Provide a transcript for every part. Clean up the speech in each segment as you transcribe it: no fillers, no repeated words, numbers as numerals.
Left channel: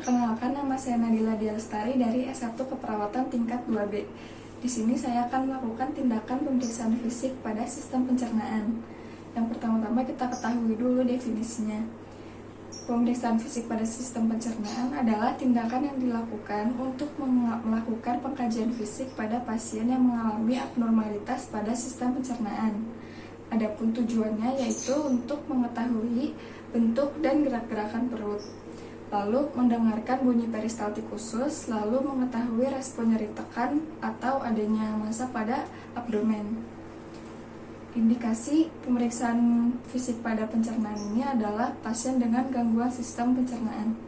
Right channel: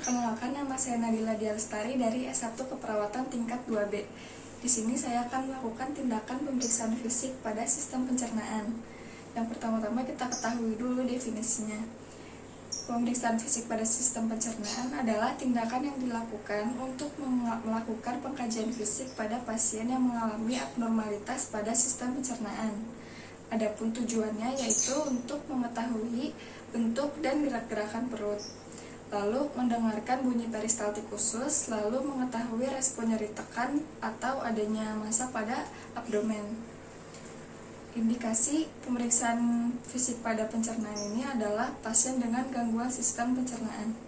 Perkenalkan, nama saya Nadila Dialestari dari S1 Keperawatan tingkat 2B. Di sini saya akan melakukan tindakan pemeriksaan fisik pada sistem pencernaan. Yang pertama-tama kita ketahui dulu definisinya. Pemeriksaan fisik pada sistem pencernaan adalah tindakan yang dilakukan untuk melakukan pengkajian fisik pada pasien yang mengalami abnormalitas pada sistem pencernaan. Adapun tujuannya yaitu untuk mengetahui bentuk dan gerak-gerakan perut, lalu mendengarkan bunyi peristaltik khusus, lalu mengetahui respon nyeri tekan atau adanya massa pada abdomen. Indikasi pemeriksaan fisik pada pencernaan ini adalah pasien dengan gangguan sistem pencernaan.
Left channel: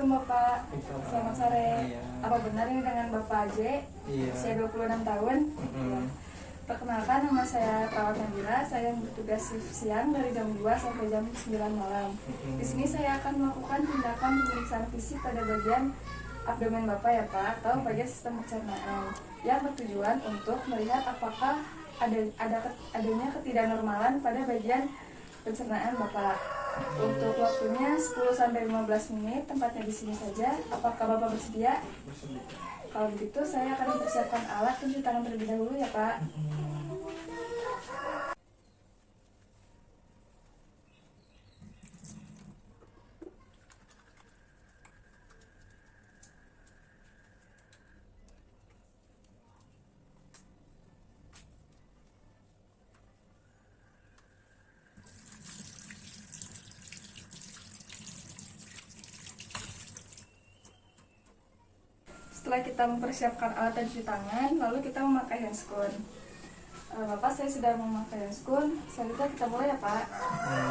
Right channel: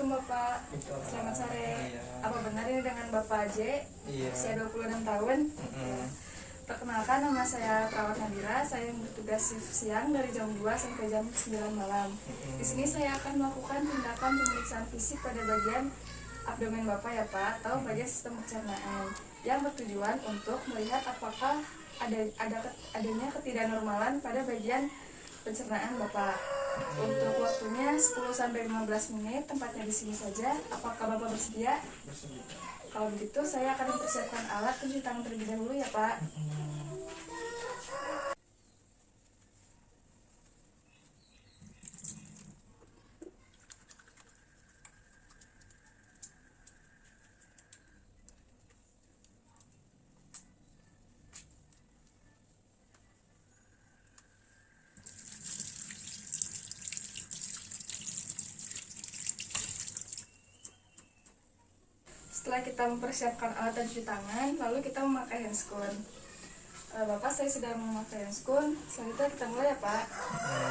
Bapak, selamat sore. Apa benar ini dengan Bapak J? Usia 26 tahun? Perkenalkan, nama saya Perawat Nadira. Saya yang bertugas shift siang dari jam 2 sampai jam 9 malam. Di sini saya akan melakukan tindakan pemeriksaan fisik pada bagian abdomen Bapak ya Pak, atau bagian sistem pencernaan, yang bertujuan untuk melihat apakah adanya ketidaknormalan pada bagian pencernaan Bapak. Untuk waktunya 10-15 menit, tempatnya di sini saja. Apakah Bapak bersedia? Bersedia. Kalau begitu saya akan mempersiapkan alat cuci tangan terlebih dahulu ya Pak. Setelah kita mempersiapkan alat cuci tangan, lalu kita memakai handscoon. Bapak, saya sudah memakai handscoon. Selanjutnya kita mulai ya Pak.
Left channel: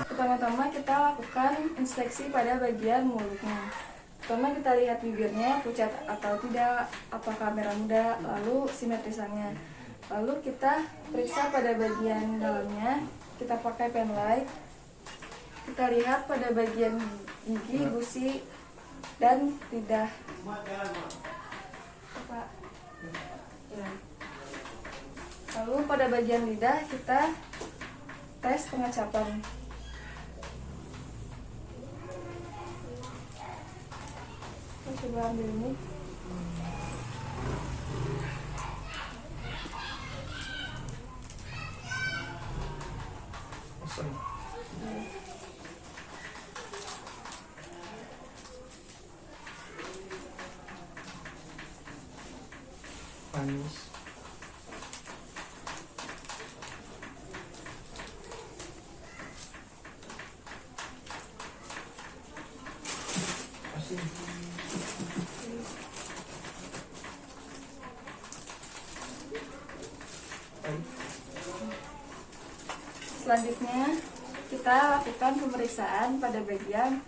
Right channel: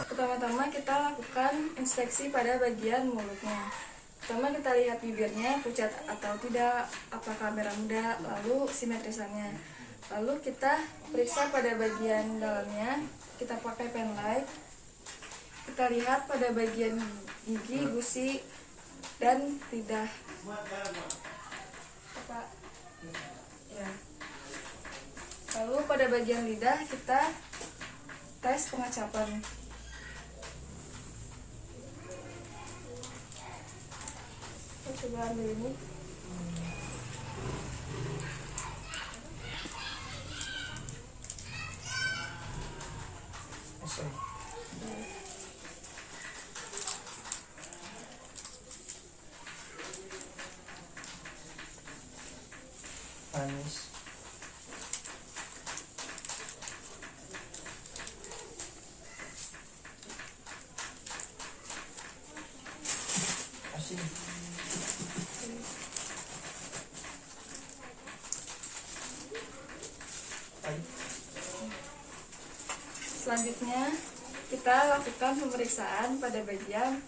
Pertama-tama kita lakukan inspeksi pada bagian mulutnya. Pertama kita lihat bibirnya pucat atau tidak, apakah merah muda, lalu simetrisannya. Lalu kita periksa pada bagian dalamnya, kita pakai pen light. Kita lihat pada bagian gigi, gusi, dan lidah. Ya. Lalu pada bagian lidah kita tes pengecapan. Kita coba ambil ini. Manis. Asin. Selanjutnya kita lakukan pemeriksaan pada bagian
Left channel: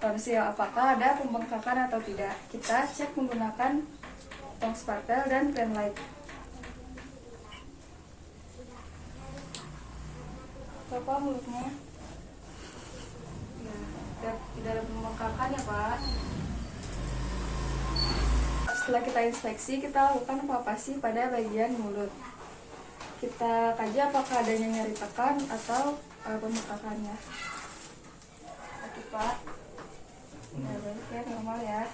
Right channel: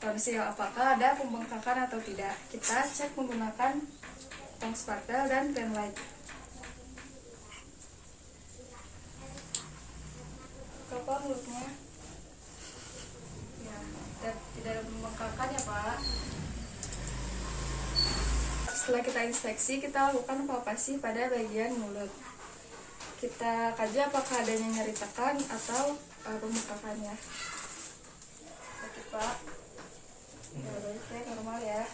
tonsil, apakah ada pembengkakan atau tidak. Kita cek menggunakan tong spatel dan pen light. Coba mulutnya. Ya, tidak ada pembengkakan ya Pak. Setelah kita inspeksi, kita lakukan palpasi pada bagian mulut. Kita kaji apakah adanya nyeri tekan atau pembengkakannya. Oke Pak. Ya baik ya, normal ya.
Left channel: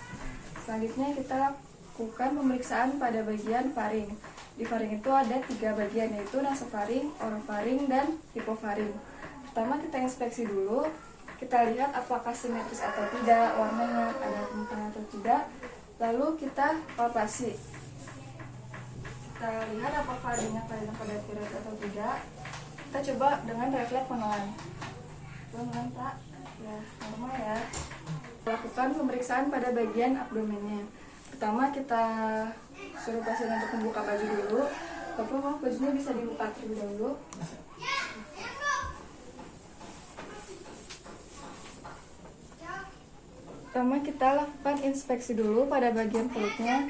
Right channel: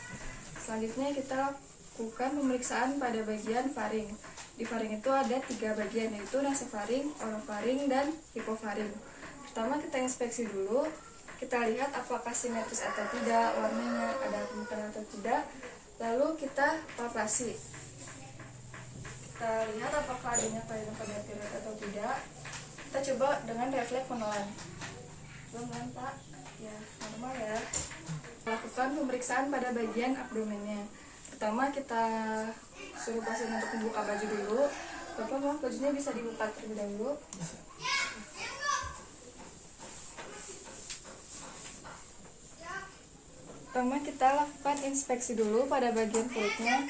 Selanjutnya kita lakukan pemeriksaan pada bagian faring. Di faring itu ada 3 bagian, yaitu nasofaring, orofaring, dan hipofaring. Pertama kita inspeksi dulu, kita lihat apakah simetris atau tidak, warnanya ada pembukaan atau tidak. Lalu kita palpasi. Kita lihat apakah adanya kelainan pada tiroid atau tidak. Kita coba dengan refleks menelan. Menelan Pak, ya normal ya. Lakukan pemeriksaan pada bagian abdomennya. Pertama kita suruh pasien untuk membuka baju dulu. Bapak, bajunya bisa dibuka terlebih dahulu. Pertama kita lakukan inspeksi dulu pada bagian perutnya,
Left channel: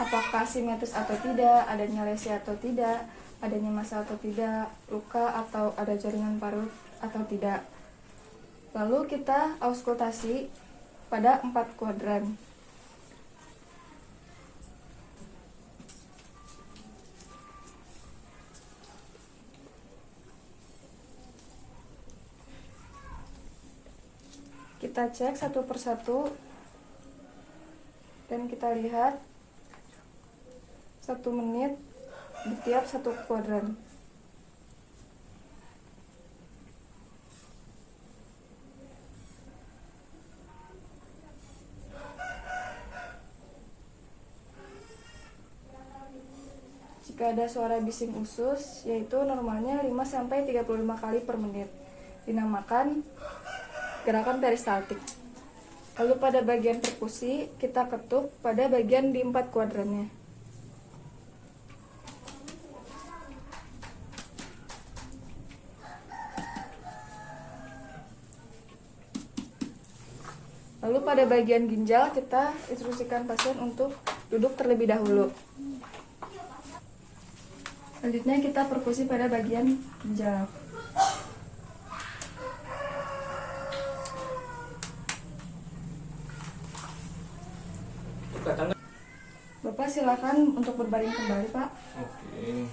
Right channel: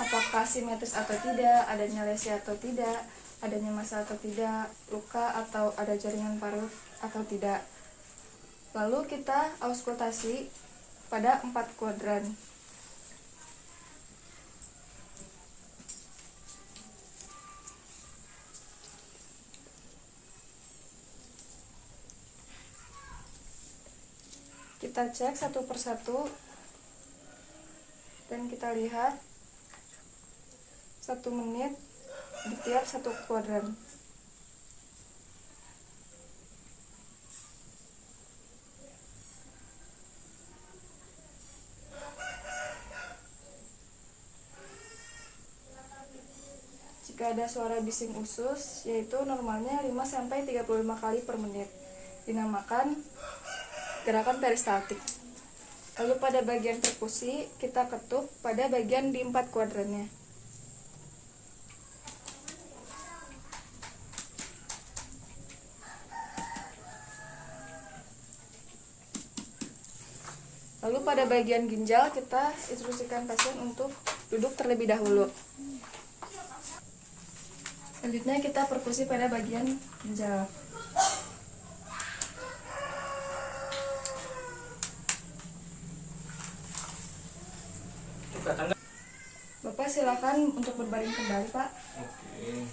apakah simetris atau tidak, adanya lesi atau tidak, adanya massa atau tidak, luka atau ada jaringan parut atau tidak. Lalu kita auskultasi pada 4 kuadran. kita cek satu persatu dan kita lihat 1 menit di tiap satu kuadran. Jika ada suara bising usus, yaitu normalnya 5-35 kali per menit, dinamakan gerakan peristaltik. Lalu pada bagian perkusi, kita ketuk pada bagian di 4 kuadrannya. Lalu pada bagian ginjal, kita instruksikan pasien untuk duduk terlebih dahulu. Selanjutnya kita perkusi pada bagian ginjal. Bapak silakan untuk berbaring kembali, Pak. Oke.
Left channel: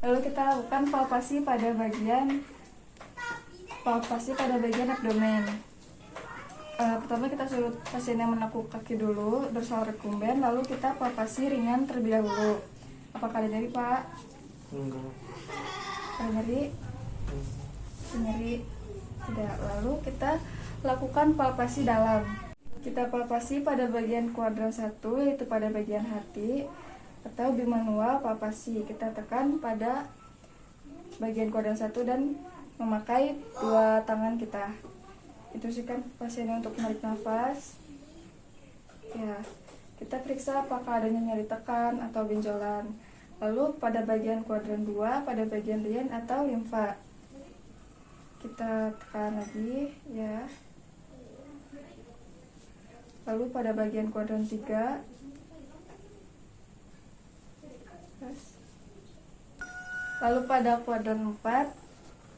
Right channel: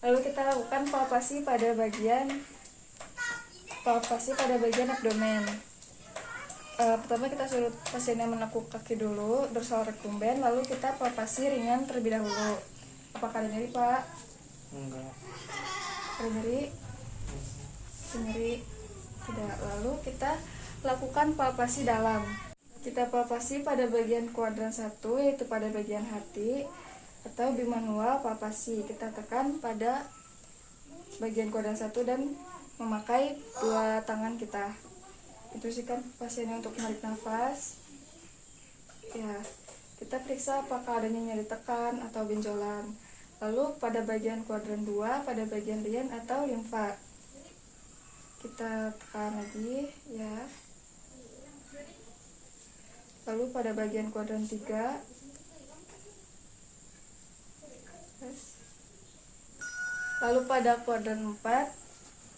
Lalu kita lakukan palpasi pada bagian abdomen. Pertama kita suruh pasiennya menekuk kaki dulu, dorsal recumbens, lalu kita palpasi ringan terlebih dahulu. Apakah ada nyeri, Pak? Enggak. Ada nyeri? Nyeri? Tidak. Lalu kita lakukan palpasi dalam. Kita palpasi pada bagian kuadran 1, yaitu pada bagian hati, atau bimanual palpasi. Kita tekan pada bagian kuadran 1 dan memakai 2 tangan kita. Instruksikan pasiennya untuk menarik nafas. Ya, kita periksa apakah adanya nyeri tekan atau benjolan. Lalu pada bagian kuadran 2, pada bagian rian atau limfa, kita tekan lagi, ya. Lalu pada bagian kuadran 3, lalu pada kuadran 4,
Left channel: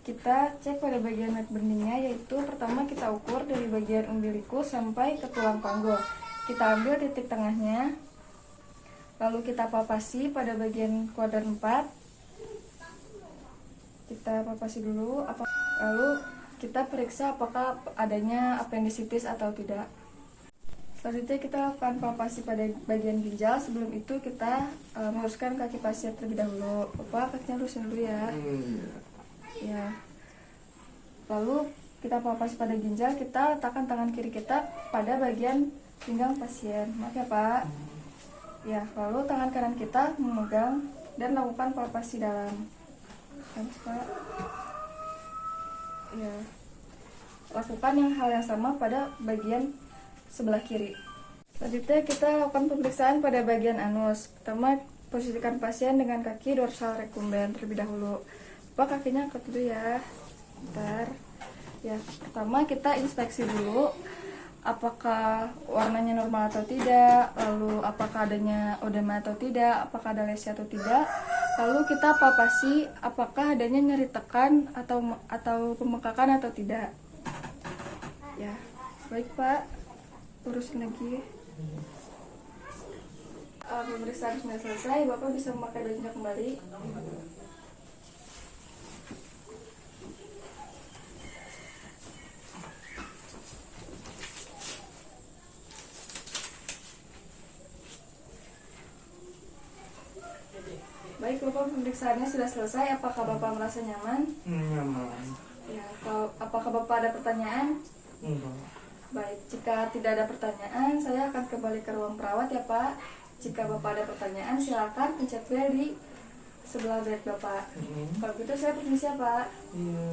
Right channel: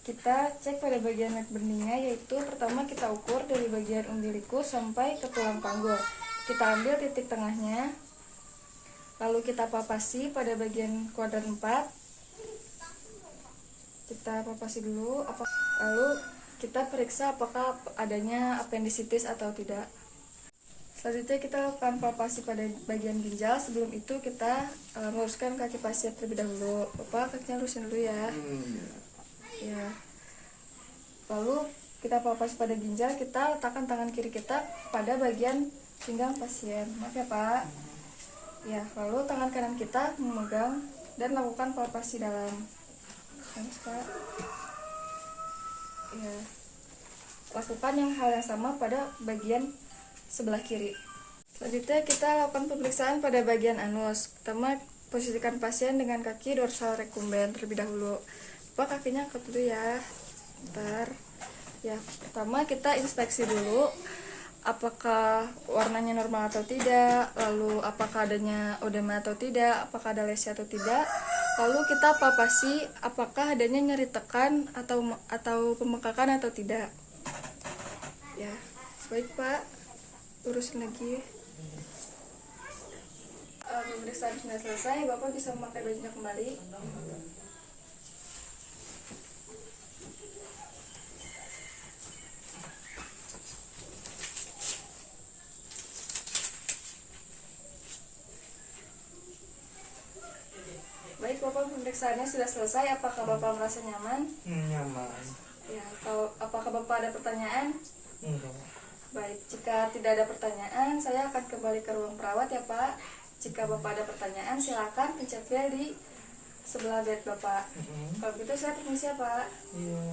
kita cek pada bagian neck beningnya, yaitu pertama kita ukur dari bagian umbilikus sampai ke tulang panggul. Kita ambil titik tengahnya, lalu kita palpasi pada bagian kuadran 4. Kita palpasi dulu, lalu kita periksa apakah adanya appendicitis atau tidak. Selanjutnya kita lakukan palpasi pada bagian ginjal. Sebelum itu kita luruskan kaki pasien terlebih dahulu. Bapak, kakinya lurusin dulu ya. Ya. Lalu kita palpasi pada ginjal, kita letakkan tangan kiri kita pada bagian pinggang pasien. Maaf ya, Pak. Ya, lalu tangan kanan kita memegang dan lakukan palpasi dalam. Terus, Pak. Ya. Lakukan hal yang sama pada bagian sebelah kiri. Selanjutnya kita lakukan pemeriksaan pada bagian anus. Pertama, posisikan pasien dengan kaki dorsal recumbens terlebih dahulu. Bapak, kakinya angkat dulu ya. Bentar. Ya, pertama kita inspeksi dulu apakah warnanya normal atau tidak, lalu apakah adanya odema atau tidak, apakah ada lesi atau tidak. Lalu kita palpasi apakah adanya nyeri tekan atau pembengkakan atau tidak. Ya, baik Pak, urusin lagi. Pemeriksaan sudah selesai, Bapak bisa memakai bajunya kembali. Baik Bapak, pemeriksaannya sudah selesai. Apakah Bapak merasa nyaman? Nyaman. Ya, apakah Bapak ada pertanyaan? Enggak. Baik, jika tidak ada pertanyaan, saya akan kembali ke ruang perawat ya Pak. Jika Bapak ada pertanyaan, silakan pencet bel di sebelah bed Bapak. Kalau gitu saya permisi ya Pak. Iya.